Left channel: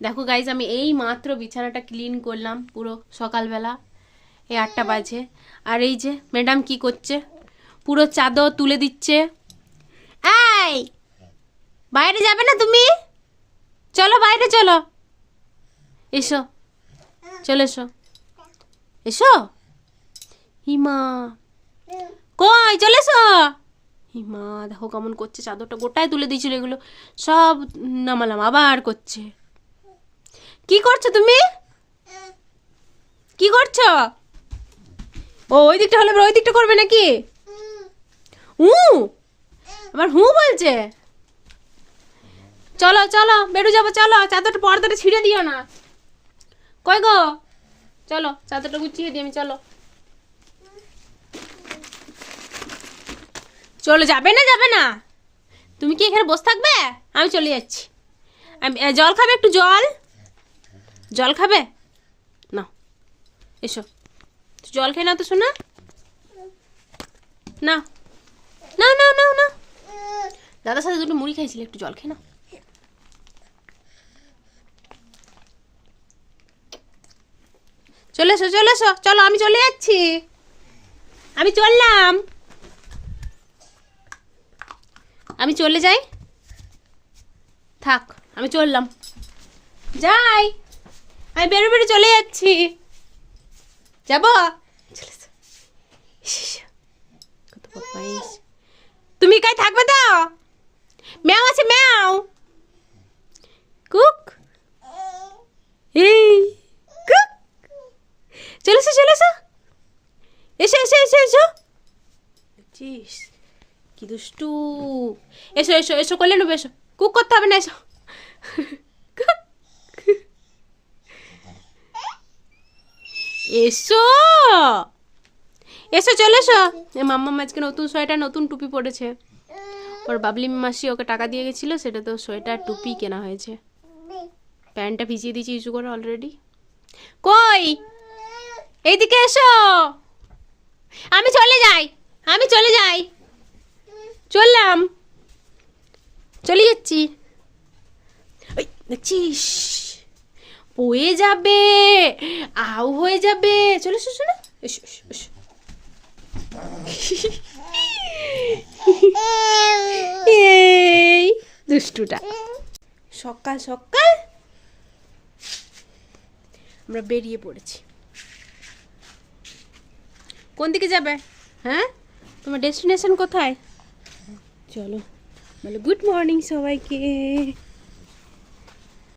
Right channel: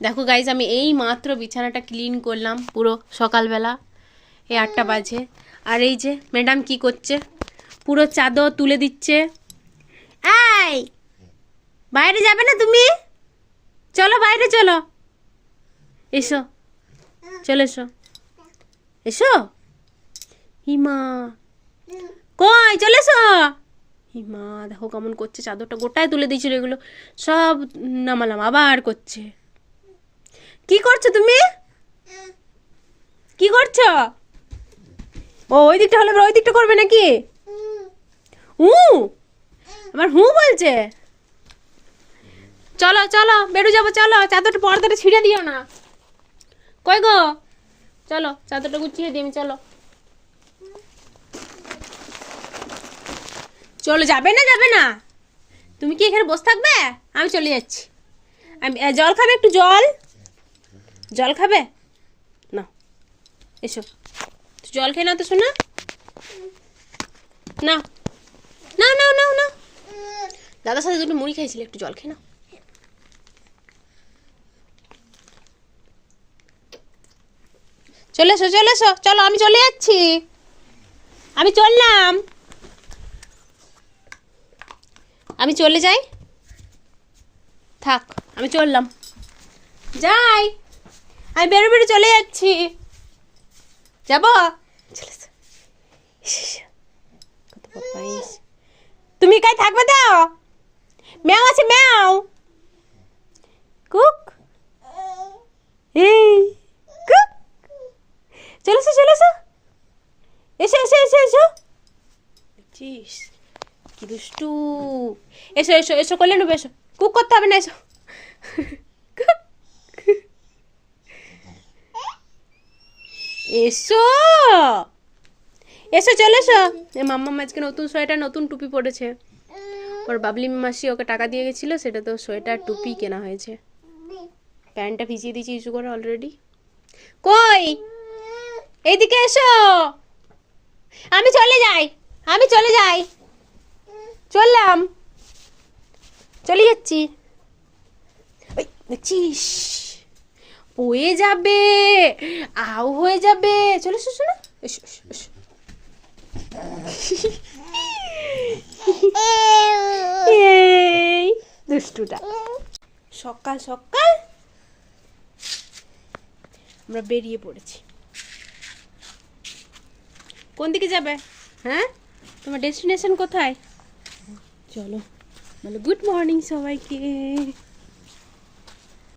দেখো গাইজ, আমি এই মাত্র বিছানাটা ক্লিন করলাম পুরো সকালবেলা, এই 8টা বাজে। আর এই যে ম্যাডাম কি করছে, পুরো চাদর তুলে দিচ্ছে। এই বাইরে যাবে না তুমি? চলো বাইরে চলো, এসো, চলে এসো, এসো। হিমা কই, চলে এসো। হিমা দেখো কেমন করছে, চাদরটা গোটায় তুলে দিয়েছিল, এগুলো সব নামালাম, আবার করছে। কি করছো তুমি? কি করছো? ও ওই দিকটা হলে ওই দিকটা করবে নাকি? আবার বলছে। চলো চলো বেরো যাবো, চলো। চাদরটা পর্দাটা ছিঁড়ে দিও না। কই গো, চলো চাদরটা গুছিয়ে দিই আমি, চলো। চলো, যাবে না যাবে না, তুমি কি এখানে বসে থাকবে? আমি চলে যাচ্ছি। জল খাবে? একটু জল, জল খাবে না? এসো, জল খেয়ে নাও তো শোনা। না না না না না, দাদার সাথে দুটো মুড়ি খাইছিলে, একটু জল খেয়ে নাও। চলে এসো চলে এসো, চলো আমি চলে যাচ্ছি, আমি চললাম, আমি চলে যাই, থাক আমি চললাম, যাই, আমি বেরো বেরো চলে যাচ্ছি, যাবো। কত বদমাইশ। তুমি কাই থাকবে তো? ম্যাও আছে, ম্যাও, কুক, এই কুক, চলে এসো চলে এসো, এসো এসো এসো এসো। চিস কি দুষ্টু। এসো এসো এসো, করলে নেবে, এসো, কুক করতে হবে না, এসো। এসো এসো, চলে এসো। মাম্মা আজকে নতুন সোয়েটার, নতুন টুপি পরেছে। ওর বাবলি মাসি ওকে টাকা দিয়ে গেছিলো, সেটা তো সোয়েটার টুপি কেনা হয়েছে। প্যান্টটা ভিজিয়ে দিয়েছি ইস্যু করে অলরেডি। কই, এইদিকে এসো, আমি চলে যাই, আমি চলে যাই, চললাম, চলে যাচ্ছি। দেখছিস, হয়ে যাবে, আও হয়ে যাবে, চলে এসো শোনো, এসো এসো এসো। এই দুষ্টুটা। সকাল সকাল আমরা বেরিয়ে পড়েছি। কোন দিকে যাবে? হ্যাঁ, তোমার ডেস্টিনেশন কোথায়? চলো বলো গুড মর্নিং সবাইকে।